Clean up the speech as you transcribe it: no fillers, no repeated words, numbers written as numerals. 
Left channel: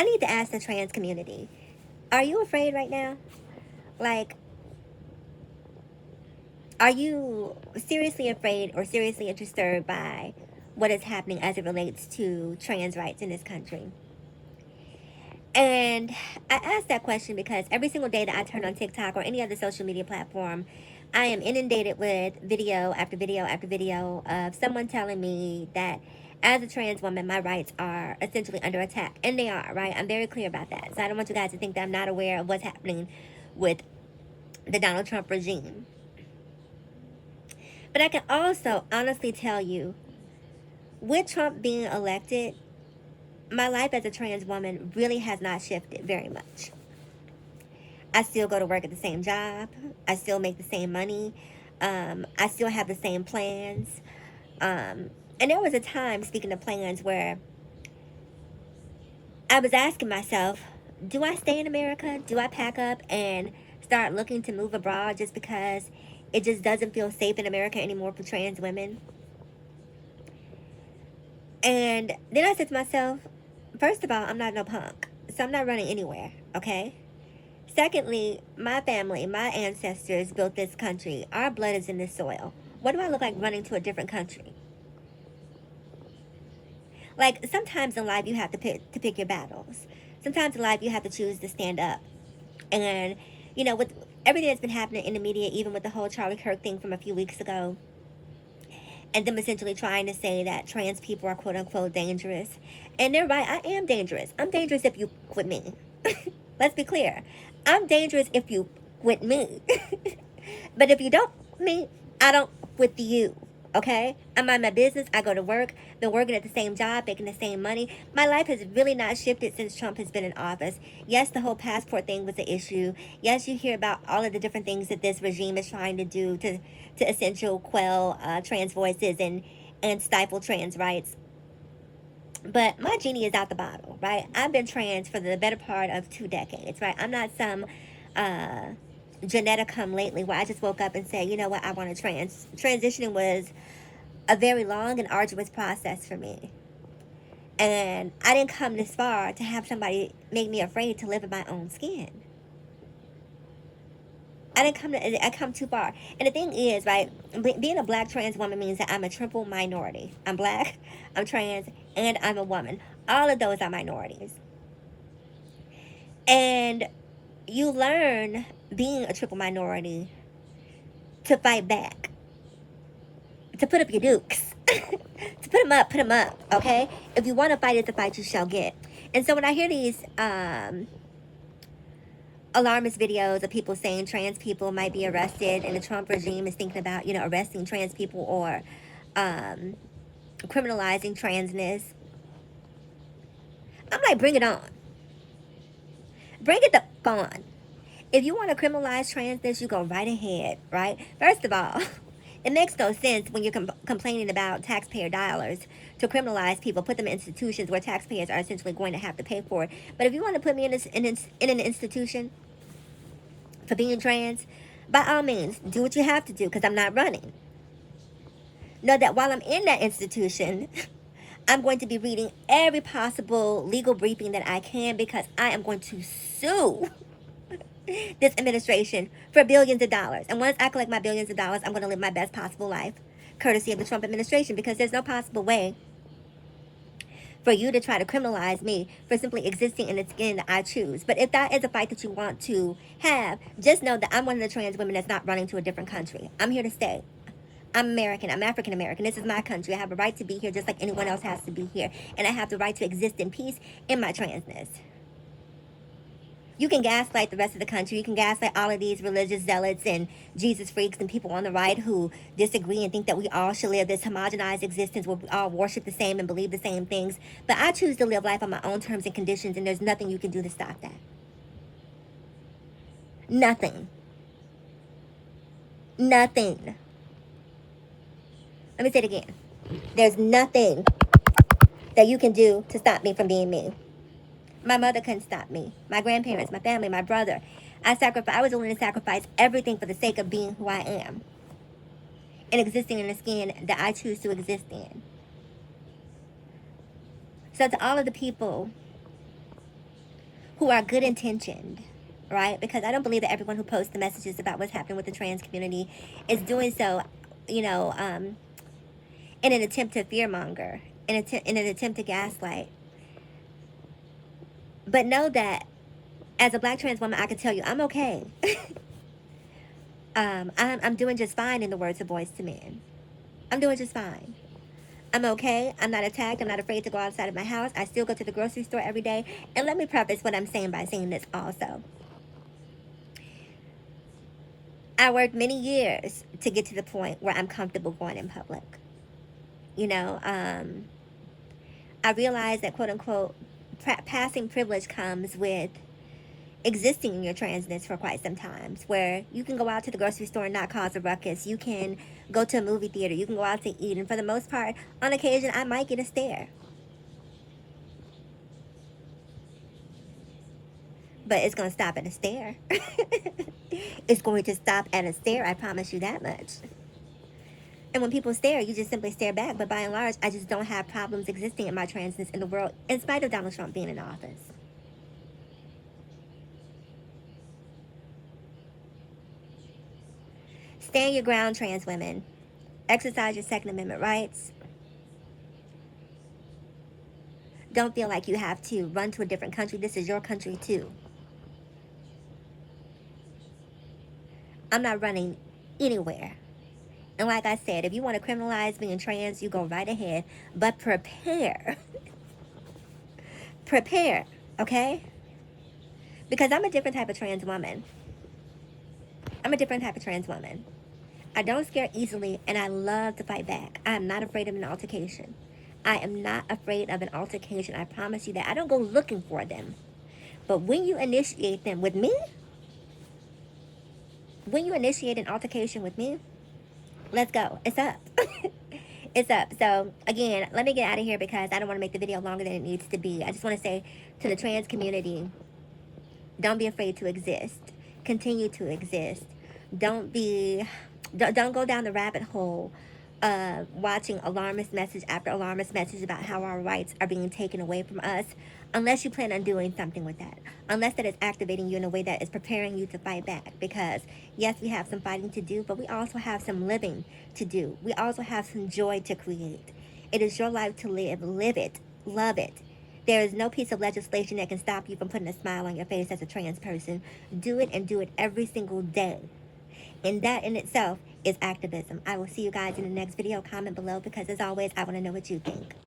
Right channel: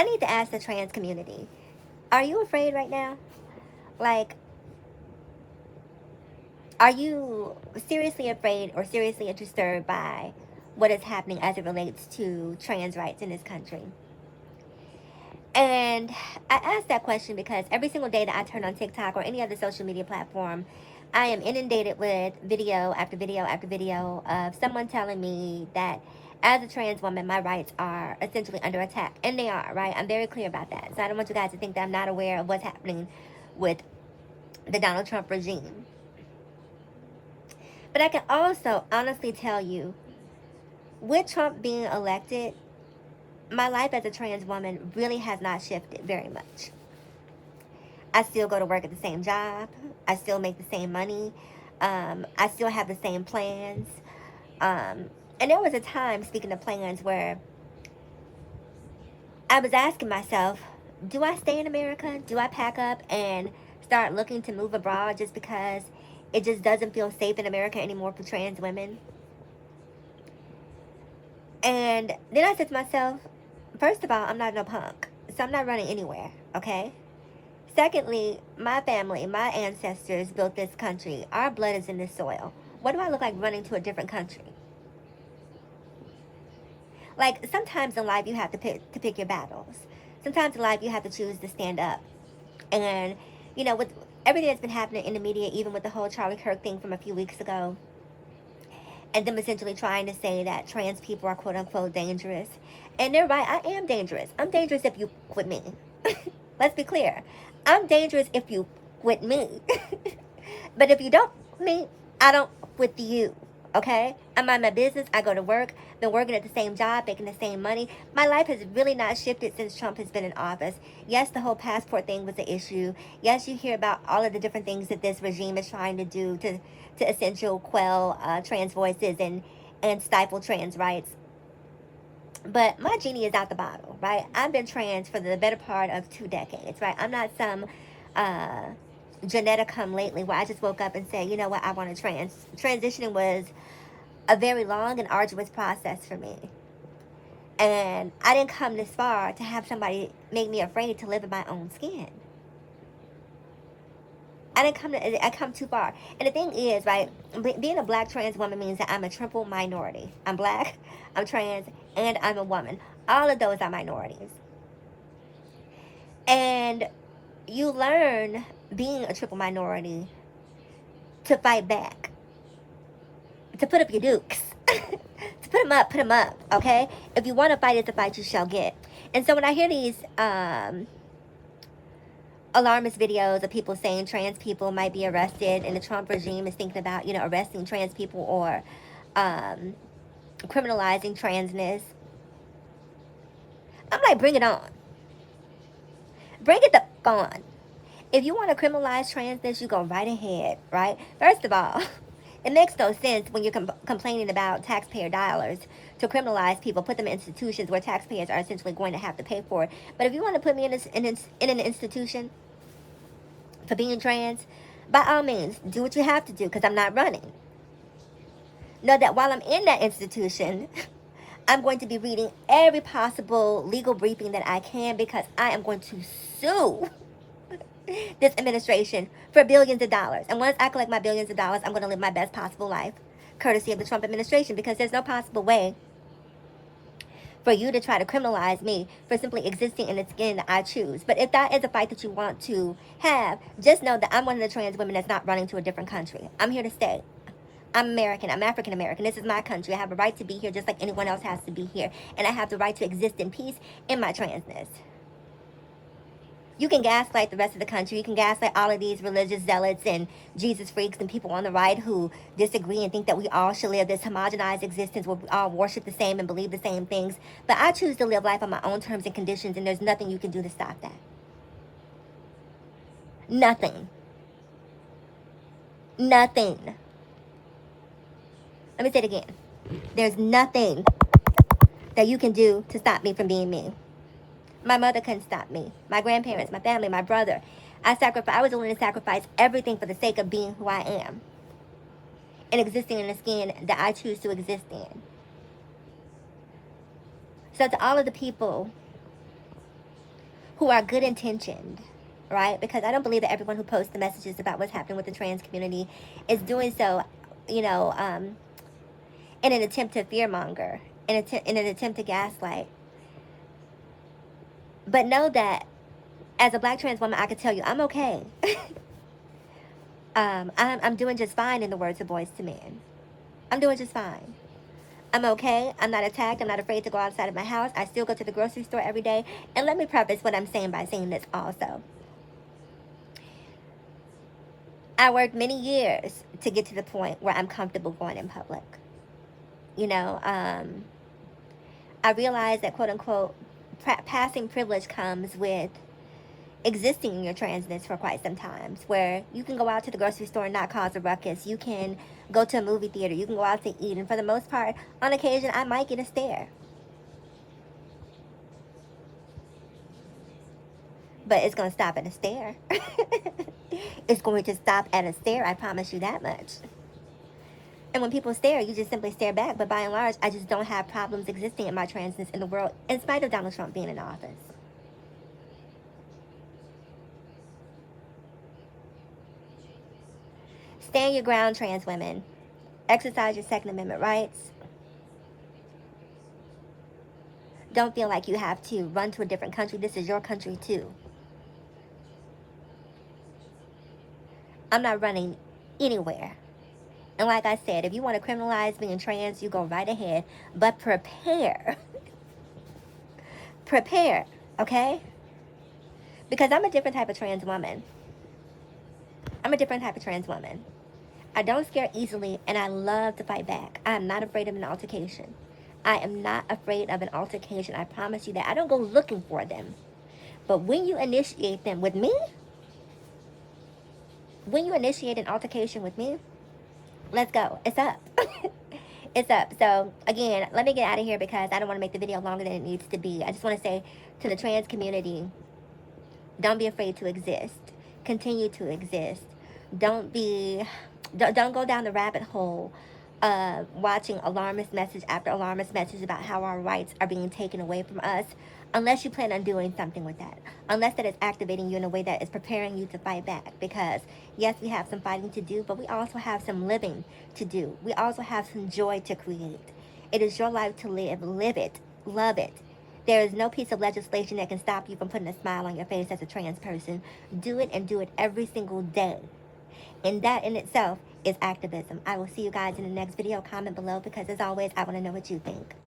I need to ask the trans community, are you afraid right now? Like, are you seriously afraid or seriously disturbed by what is happening as it relates to trans rights in this country? And I ask that question because every single day that I turn on TikTok or any other social media platform, I am inundated with video after video after video of someone telling me that as a trans woman, my rights are essentially under attack. And they are, right? I'm very clear about that. So I don't want you guys to think that I'm not aware of what's happening with the Donald Trump regime. But I can also honestly tell you, with Trump being elected, my life as a trans woman really has not shifted very much. I still go to work at the same job. I still make the same money. I still have the same plans. And there was a time, speaking of plans, where I was asking myself, do I stay in America? Do I pack up and start looking to move abroad just because it just doesn't feel safe in America anymore for trans women? And then I said to myself, first of all, I'm not no punk, so I'm not running anywhere, okay? Secondly, my family, my ancestors built this country. Our blood is in this soil. What do I look like running to a different country? Like, sometimes in life you have to pick your battles. Sometimes in life you have to choose to stand up. And, with everything that's been happening in the media, even with the whole Charlie Kirk thing from a few weeks ago, and them essentially trying to say that trans people are quote unquote dangerous. And they're right, I am dangerous. I'm dangerous if you quit me. Let's be clear. I'm dangerous if you quit me. But if you don't quit me, I don't quit you. Okay? I mind my business. I go to work. Been working at the same job, making the same money. My life has really not shifted since Trump has been in office. Yes, the whole passport thing was an issue. Yes, you hear about all of the different things that this regime is trying to do to essentially quell trans voices and stifle trans rights. But my genie is out the bottle, right? I've been trans for the better part of 2 decades, right? I'm not some geneticum lately where I just woke up and said, you know what, I want to transitioning was a very long and arduous process for me. And I didn't come this far to have somebody make me afraid to live in my own skin. I come too far. And the thing is, right, being a black trans woman means that I'm a triple minority. I'm black, I'm trans, and I'm a woman. All of those are minorities. And you learn, being a triple minority, to fight back, to put up your dukes. To put them up, okay? If you want to fight it, the fight you shall get. And so when I hear these alarmist videos of people saying trans people might be arrested and the Trump regime is thinking about, arresting trans people or criminalizing transness, I'm like, bring it on. Bring it the on. If you want to criminalize transness, you go right ahead, right? First of all, it makes no sense when you're complaining about taxpayer dollars to criminalize people, put them in institutions where taxpayers are essentially going to have to pay for it. But if you want to put me in an institution for being trans, by all means, do what you have to do because I'm not running. Know that while I'm in that institution, I'm going to be reading every possible legal briefing that I can because I am going to sue this administration for billions of dollars. And once I collect my billions of dollars, I'm going to live my best possible life, courtesy of the Trump administration, because there's no possible way for you to try to criminalize me for simply existing in the skin that I choose. But if that is a fight that you want to have, just know that I'm one of the trans women that's not running to a different country. I'm here to stay. I'm American. I'm African American. This is my country. I have a right to be here just like anyone else has to be here. And I have the right to exist in peace in my transness. You can gaslight the rest of the country. You can gaslight all of these religious zealots and Jesus freaks and people on the right who disagree and think that we all should live this homogenized existence where we all worship the same and believe the same things. But I choose to live life on my own terms and conditions, and there's nothing you can do to stop that. Nothing. Nothing. Let me say it again. There's nothing that you can do to stop me from being me. My mother couldn't stop me. My grandparents, my family, my brother. I was willing to sacrifice everything for the sake of being who I am and existing in the skin that I choose to exist in. So to all of the people who are good intentioned, right? Because I don't believe that everyone who posts the messages about what's happening with the trans community is doing so, you know, in an attempt to fearmonger, in an attempt to gaslight. But know that as a black trans woman, I can tell you I'm okay. I'm doing just fine, in the words of Boyz II Men. I'm doing just fine. I'm okay. I'm not attacked. I'm not afraid to go outside of my house. I still go to the grocery store every day. And let me preface what I'm saying by saying this also. I worked many years to get to the point where I'm comfortable going in public. You know, I realize that, quote unquote, passing privilege comes with existing in your transness for quite some times, where you can go out to the grocery store and not cause a ruckus. You can go to a movie theater. You can go out to eat. And for the most part, on occasion, I might get a stare. But it's going to stop at a stare. It's going to stop at a stare. I promise you that much. And when people stare, you just simply stare back. But by and large, I just don't have problems existing in my transness in the world, in spite of Donald Trump being in office. Stand your ground, trans women. Exercise your Second Amendment rights. Don't feel like you have to run to a different country. This is your country too. I'm not running anywhere. And like I said, if you want to criminalize being trans, you go right ahead. But prepare. Prepare, okay? Because I'm a different type of trans woman. I'm a different type of trans woman. I don't scare easily, and I love to fight back. I am not afraid of an altercation. I am not afraid of an altercation. I promise you that. I don't go looking for them. But when you initiate them with me, when you initiate an altercation with me, let's go. It's up. It's up. So, again, let me get out of here because I don't want to make the video longer than it needs to be. I just want to say to the trans community, don't be afraid to exist. Continue to exist. Don't go down the rabbit hole of watching alarmist message after alarmist message about how our rights are being taken away from us, unless you plan on doing something with that. Unless that is activating you in a way that is preparing you to fight back. Because yes, we have some fighting to do, but we also have some living to do. We also have some joy to create. It is your life to live. Live it. Love it. There is no piece of legislation that can stop you from putting a smile on your face as a trans person. Do it, and do it every single day. And that in itself is activism. I will see you guys in the next video. Comment below because, as always, I want to know what you think.